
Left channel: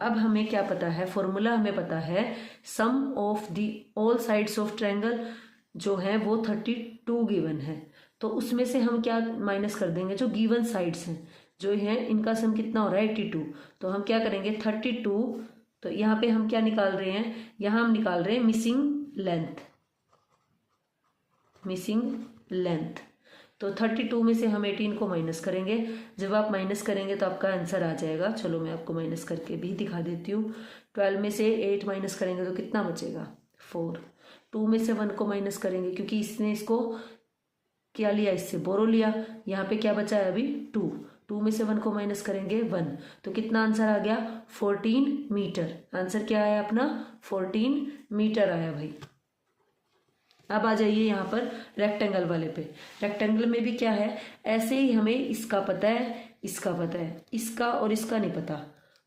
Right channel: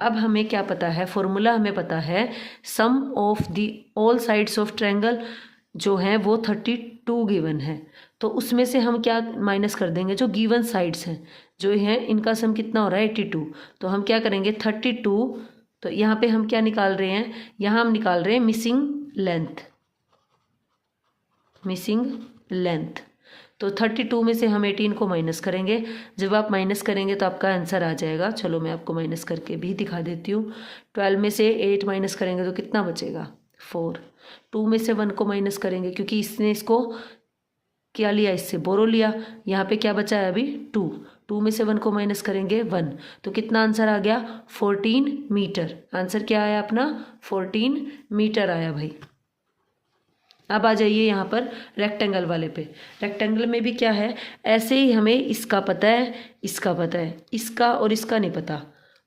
अब हमें क्या पता है, फॉर्मूला हमें पता है, sum of the all sides of triangle जो है वो 32 गिवन है। तो उसमें से हम क्या माइनस कर देंगे, जो गिवन साइड्स हैं जो है इनका सम कितना हो रहा है, 82। तो हम क्या करेंगे, 32, तो यहाँ पे हम क्या निकाल रहे हैं, यहाँ हम निकाल रहे हैं मिसिंग लेंथ, मिसिंग लेंथ। तो 32 में से हम 18 को माइनस करेंगे। जब आप माइनस करेंगे तो आपका आंसर आ जाएगा। चलो मैं आपको माइनस करके भी दिखा देती हूँ। 12 में से 8 माइनस करेंगे तो कितना बचेगा, 4। 2 में से 1 को माइनस करेंगे क्योंकि इसने इसको क्या लिया, इससे बोरो लिया। यहाँ पे क्या बचा है अभी, 2। 2 में से 1 को माइनस करेंगे 1, तो कितना आंसर आ गया, 14 मीटर। आंसर क्या आया अपना, 14 मीटर आया भाई। अब आ जाइए यहाँ पर रेक्टेंगल वाले पे। रेक्टेंगल में भी क्या है, ऐसे ही हमें इसका पता है, इसका पता है, इसका और इसका नहीं पता,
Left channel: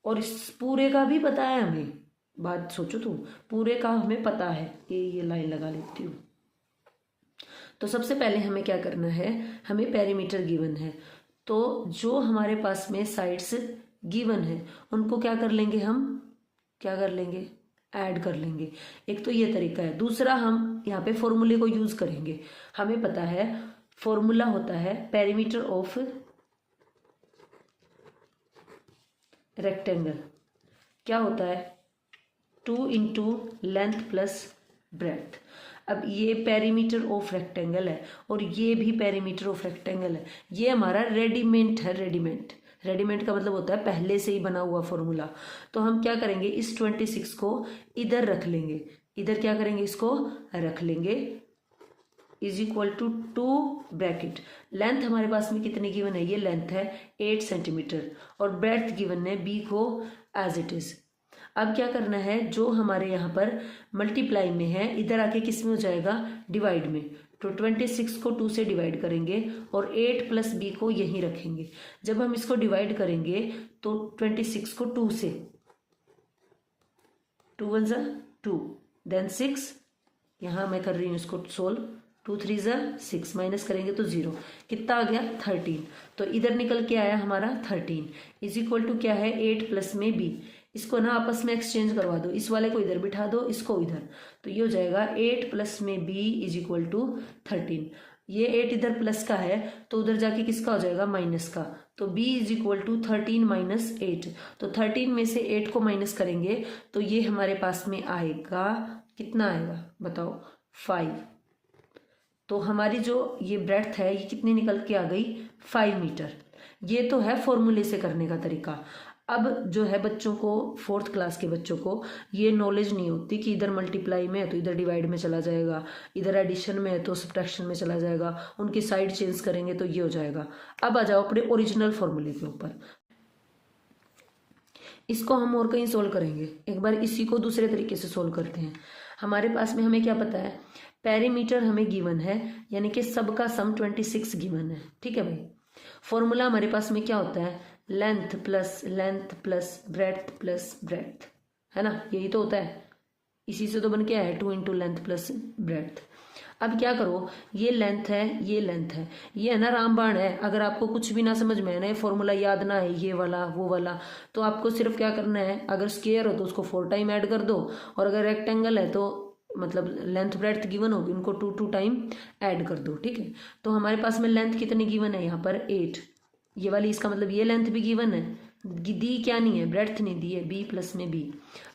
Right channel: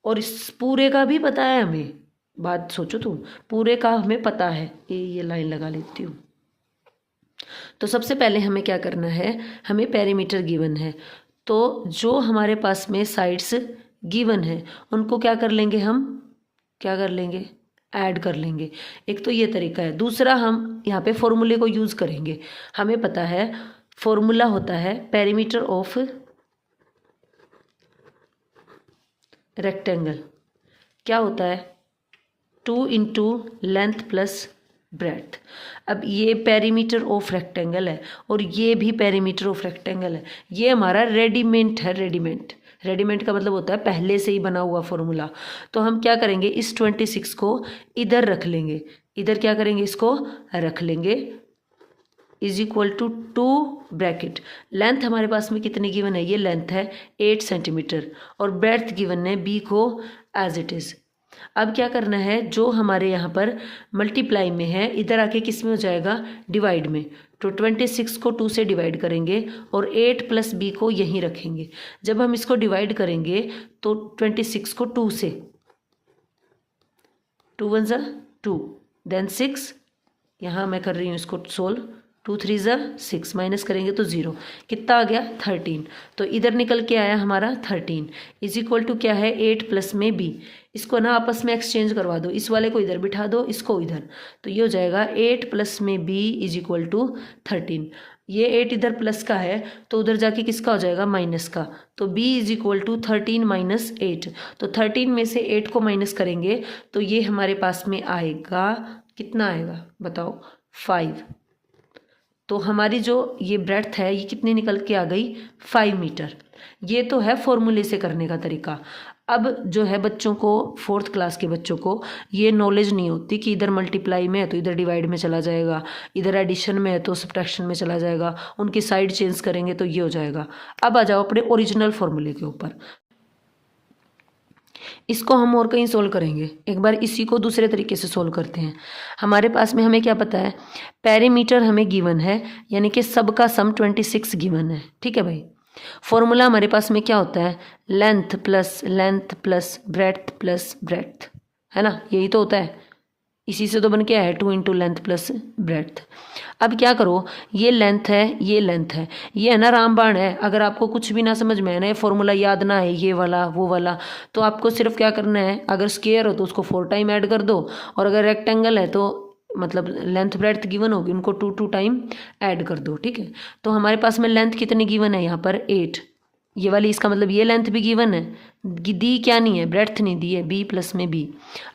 और इस पूरे का भी पता है हमें। बात सोचो तुम, पूरे का हमें पता है। ये लाइन लगा लेती हूँ। तो सबसे पहले हमें क्या करना है, हमें पेरीमीटर गिवन है, तो जो हमारे पास में साइड्स गिवन है उनको क्या कर लेंगे, हम क्या कर लेंगे, ऐड कर लेंगे। एक तो ये तरीका है। दूसरा हम यहाँ पे फॉर्मूले को यूज़ करेंगे। हमें पता है फॉर्मूला होता है पेरीमीटर ऑफ रेक्टेंगल, क्या होता है, 2 इंटू लेंथ प्लस ब्रेड्थ। अब ये पेरीमीटर ऑफ रेक्टेंगल है और ये भी पेरीमीटर ऑफ रेक्टेंगल है। ये हमारा रेडीमेड है। रेडीमेड का मतलब होता है पहले से ही बना हुआ फॉर्मूला। तो हम क्या करेंगे, इस 26 को इधर रख लेंगे, इधर क्या करेंगे, इसको रख लेंगे, is equal to 2 bracket. Length हमारे पास में कितनी गिवन है, ये लेंथ है 8 सेंटीमीटर, और ब्रेड्थ गिवन है b को एज इट इज़। अब क्या करना है, जो हमारे यहाँ पर मल्टीप्लाई में है इधर आके किस में हो जाएगा, डिवाइड में। तो 26 को 2 से डिवाइड करेंगे और 8 प्लस b को यहीं रखेंगे। जब हम इसको डिवाइड करेंगे तो 26 को 2 से, 2 1 ज़ा 2, देन 6, यहाँ मैं कर रही हूँ इसको सोल्व, 2 3 ज़ा 6, माइनस करेंगे तो 0, कितना आ गया 13। तो इधर निकल के आया हमारा 13 इज इक्वल टू क्या है, 8 प्लस में b। इसको ना आपस में एक्सचेंज करवा दो, इस वाले को इधर बिठा दो, इसको इधर, तो ये हो जाएगा 8 प्लस में b इज इक्वल टू 13। ये 8 इधर प्लस का है तो उधर जाके किसका हो जाएगा, माइनस का। तो b is equal to 13 minus 8। तो 13 में से 8 को माइनस करेंगे तो ये हमारे पास में आएगा, कितना आएगा बताओ, 5। तो हमारी जो ये ब्रेड्थ है ये कितनी निकल के आ गई, 5 मीटर। ये तो है फॉर्मूले से करने का तरीका। अब जो है बच्चों को, 4th क्लास के बच्चों को ये नॉलेज नहीं होती कि इधर मल्टीप्लाई में है तो इधर डिवाइड में चला जाएगा, इधर एडिशन में है तो सब्ट्रैक्शन में चला जाएगा, उनकी साइड चेंज करेंगे तो ये हो जाएगा। अब आ जाओ अपने ओरिजिनल फॉर्मूले के ऊपर। इसको हम और कहीं सोल्व करेंगे, एक बार इसी को दूसरे तरीके से सोल्व करते हैं। हमारे पास में हमें क्या पता है, पेरीमीटर हमें गिवन है, यानी कि सबका सम 26 गिवन है, ठीक है भाई। फॉर्मूला हमारे पास में क्या होता है, लेंथ प्लस ब्रेड्थ, है ना, यही तो होता है। इसी से तो बन के आया है 2 इंटू लेंथ प्लस ब्रेड्थ। अब क्या करो, ये लेंथ है, ये है ना रामबाण है। अगर आपको कुछ भी ना समझ में है ना, ये फॉर्मूला याद ना है, ये वाला वो वाला, तो आपको सिर्फ क्या करना है, अगर स्क्वायर हो तो उसको 4 टाइम ऐड कर दो, और अगर रेक्टेंगल है तो मतलब लेंथ ब्रेड्थ गिवन होगी, उनको 2 टाइम ऐड कर दो, ठीक है। तो हमारे पास में लेंथ कितनी गिवन है यहाँ पर, 8, ये वाली, इसका मतलब ये लेंथ भी गिवन है, दी क्या नहीं है, ब्रेड्थ नहीं दी है, b प्लस में b।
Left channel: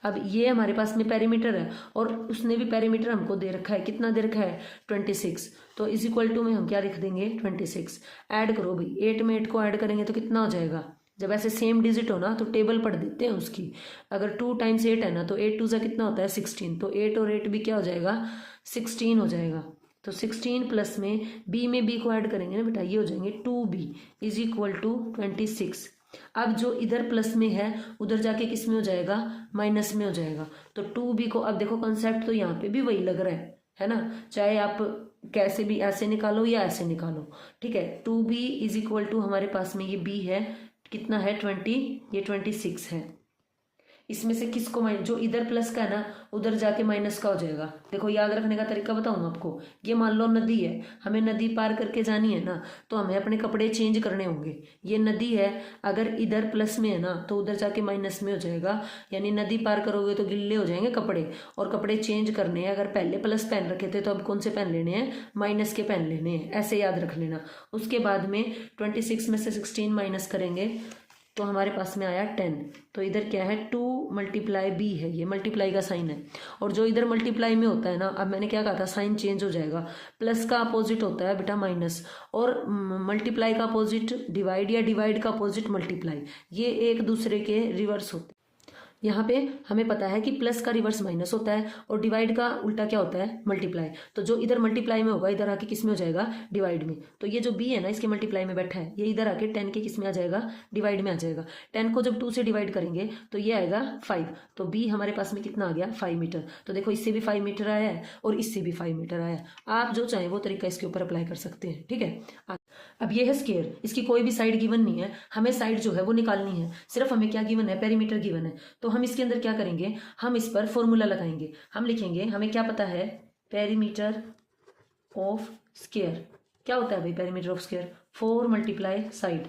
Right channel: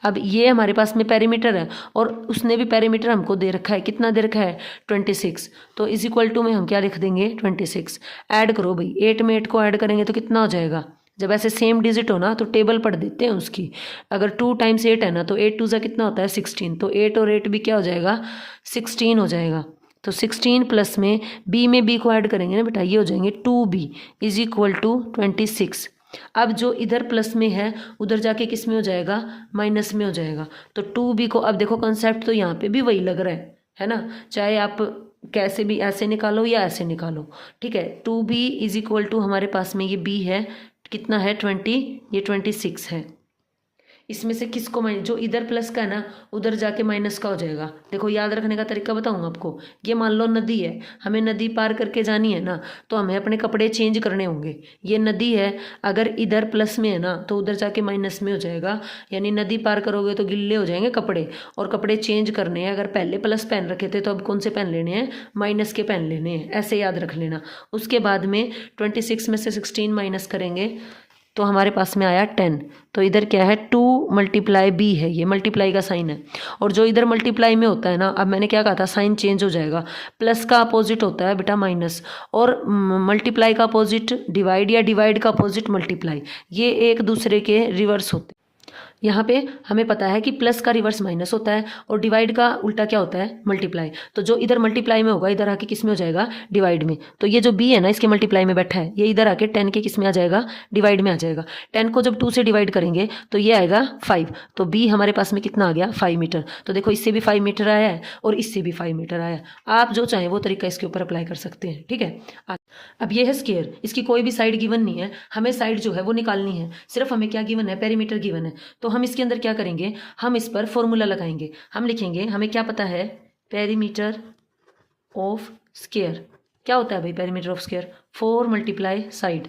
अब ये हमारे पास में पेरीमीटर है और उसने भी पेरीमीटर हमको दे रखा है, कितना दे रखा है, 26। तो इज इक्वल टू में हम क्या लिख देंगे, 26। ऐड करो भाई, 8 में 8 को ऐड करेंगे तो कितना हो जाएगा, जब ऐसे सेम डिजिट हो ना तो टेबल पढ़ देते हैं उसकी। अगर 2 टाइम्स 8 है ना तो 8 2 ज़ा कितना होता है 16, तो 8 और 8 भी क्या हो जाएगा 16 हो जाएगा। तो 16 प्लस में बी को ऐड करेंगे ना बेटा, ये हो जाएंगे 2b इज इक्वल टू 26। अब जो इधर प्लस में है उधर जाके किस में हो जाएगा माइनस में हो जाएगा। तो 2b को, अब देखो कंसेप्ट तो यहाँ पे भी वही लग रहा है ना, चाहे आप कैसे भी ऐसे निकालो या ऐसे निकालो, ठीक है। 2b इज इक्वल टू हमारे पास में ये b है, कितना है 20, ये 26 है। इसमें से किसको जो इधर प्लस का है ना उधर जाके माइनस का हो जाएगा। देखो याद रखने का तरीका बताऊंगा आपको। ये मान लो नदी है, हमें नदी पार करके जानी है ना, तो हमें अपने कपड़े चेंज करने होंगे। ये नदी है, अगर इधर प्लस में है ना तो उधर जाके माइनस में हो जाएगा, यानी नदी पार करोगे तो गिल्ले हो जाएंगे कपड़े, और कपड़े चेंज करने हैं। अगर पहले प्लस पहन रखे थे तो अब कौन से पहन लेने हैं, माइनस के पहन लेने हैं, ऐसे याद रख लेना। उसके बाद में 26 में से 16 माइनस करेंगे तो हमारे पास में आया 10। तो इधर क्या है 2 मल्टीप्लाई b है, ये मल्टीप्लाई का साइन है। और जो इधर मल्टीप्लाई में होता है ना, अब मैंने क्या कहा था साइन चेंज हो जाएगा। प्लस का अपोजिट होता है बेटा माइनस, और मल्टीप्लाई का अपोजिट डिवाइड, या डिवाइड का अपोजिट मल्टीप्लाई, ये एक दूसरे के रिवर्स होते हैं। यहाँ पे हमें पता है कि प्लस का रिवर्स माइनस होता है और डिवाइड का उल्टा क्या होता है मल्टीप्लाई। तो जो इधर मल्टीप्लाई में होगा इधर आके किस में हो जाएगा डिवाइड में। तो ये जो b है ना इसके मल्टीप्लाई में बैठा है, ये इधर आके 10 के किस में आ जाएगा डिवाइड में आ जाएगा। 10 को जब 2 से डिवाइड करेंगे तो ये आएगा 5। तो b हमारे पास में कितना आ गया 5 मीटर। तो देखो इससे भी 5 मीटर आया है और इससे भी 5 मीटर आया। आप जो चाहें वो तरीका इसके ऊपर अप्लाई कर सकते हैं, ठीक है। अब ये है स्क्वायर, इसकी कोई भी साइड गिवन नहीं है, हमें साइड जो है वो निकालनी है। सिर्फ हमें क्या गिवन है, पेरीमीटर गिवन है। तो हम इसके अंदर क्या करेंगे, हम इस पर फॉर्मूला लगाएंगे। हम लिखेंगे, हमें क्या पता है पेरीमीटर ऑफ स्क्वायर क्या होता है भाई, perimeter of square 4 multiply side.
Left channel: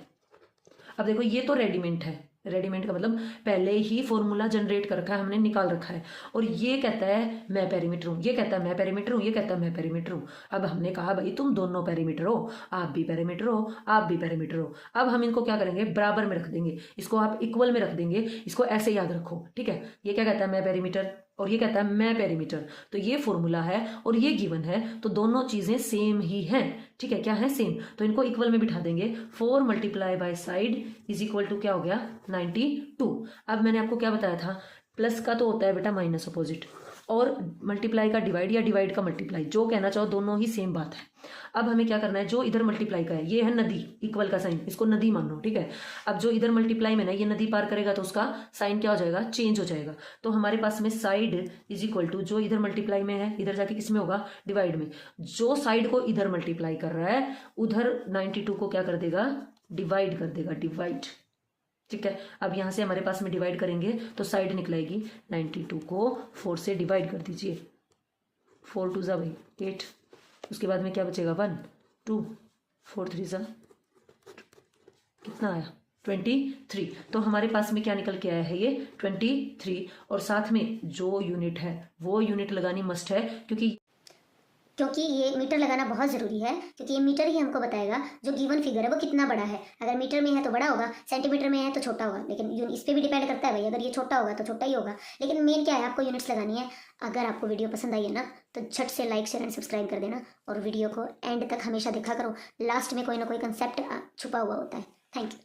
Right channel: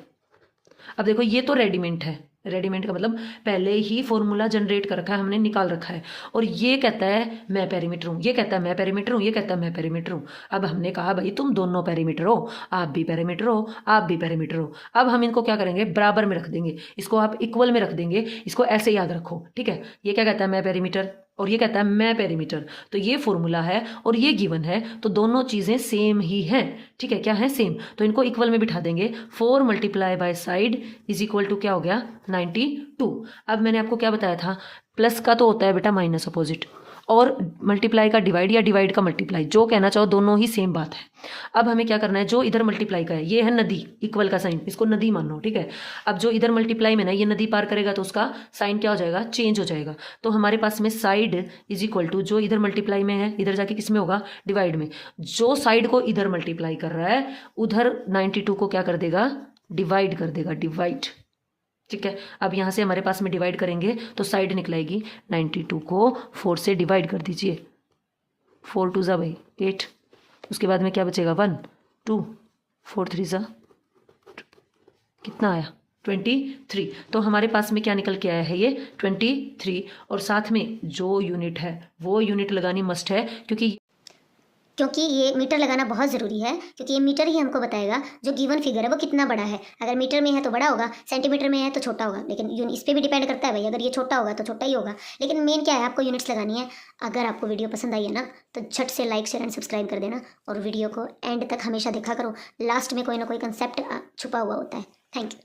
अब देखो ये तो रेडीमेड है, रेडीमेड का मतलब पहले ही फॉर्मूला जनरेट कर रखा है, हमने निकाल रखा है। और ये कहता है मैं पेरीमीटर हूँ, ये कहता है मैं पेरीमीटर हूँ, ये कहता है मैं पेरीमीटर हूँ। अब हमने कहा भाई तुम दोनों पेरीमीटर हो, आप भी पेरीमीटर हो, आप भी पेरीमीटर हो। अब हम इनको क्या करेंगे बराबर में रख देंगे, इसको आप इक्वल में रख देंगे, इसको ऐसे याद रखो, ठीक है। ये क्या कहता है मैं पेरीमीटर और ये कहता है मैं पेरीमीटर, तो ये फॉर्मूला है और ये गिवन है, तो दोनों चीज़ें सेम ही हैं, ठीक है। क्या है सेम, तो इनको इक्वल में बिठा देंगे। 4 multiply by side is equal to क्या हो गया 92। अब मैंने आपको क्या बताया था, प्लस का तो होता है बेटा माइनस अपोजिट, और मल्टीप्लाई का डिवाइड या डिवाइड का मल्टीप्लाई, जो कहना चाहो दोनों ही सेम बात है। अब हमें क्या करना है, जो इधर मल्टीप्लाई का है ये है नदी, इक्वल का साइन, इसको नदी मानो, ठीक है। अब जो इधर मल्टीप्लाई में ना ये नदी पार करेगा तो उसका साइन क्या हो जाएगा चेंज हो जाएगा। तो हमारे पास में साइड इज इक्वल टू जो इधर मल्टीप्लाई में है इधर जाके किस में होगा डिवाइड में। जो साइड को इधर मल्टीप्लाई कर रहा है उधर 92 को क्या कर देगा डिवाइड कर देगा, डिवाइड, ठीक है। अब यहाँ से हमारे पास में डिवाइड करेंगे तो साइड निकलेगी 92 को 4 से डिवाइड कर दीजिए, 4 2 ज़ा भाई 8, उसके बाद में क्या बचेगा 1 2 4 3 ज़ा कितना आया 23। तो हमारे पास में क्या निकल के आया है ये 23। और साथ में जो यूनिट है वो यूनिट लगानी मस्ट है, क्योंकि ये मीटर लगाना बहुत ज़रूरी है, क्योंकि ये मीटर ही हमको बताएगा जो गिवन फिगर है वो कितना बड़ा है। अगर मीटर में है तो बड़ा होगा, सेंटीमीटर में है तो छोटा होगा, लेकिन इस पर भी डिपेंड करता है भाई, अगर ये छोटा होगा तो छोटा ही होगा। लेकिन मेन क्या है, आपको यूनिट्स लगानी है। अगर आपको वीडियो पसंद आई है ना तो झट से लाइक शेयर एंड सब्सक्राइब कर देना, और वीडियो को एंड तक हमेशा देखा करो, लास्ट में कोई ना कोई कंसेप्ट छुपा हुआ होता है। Thank you.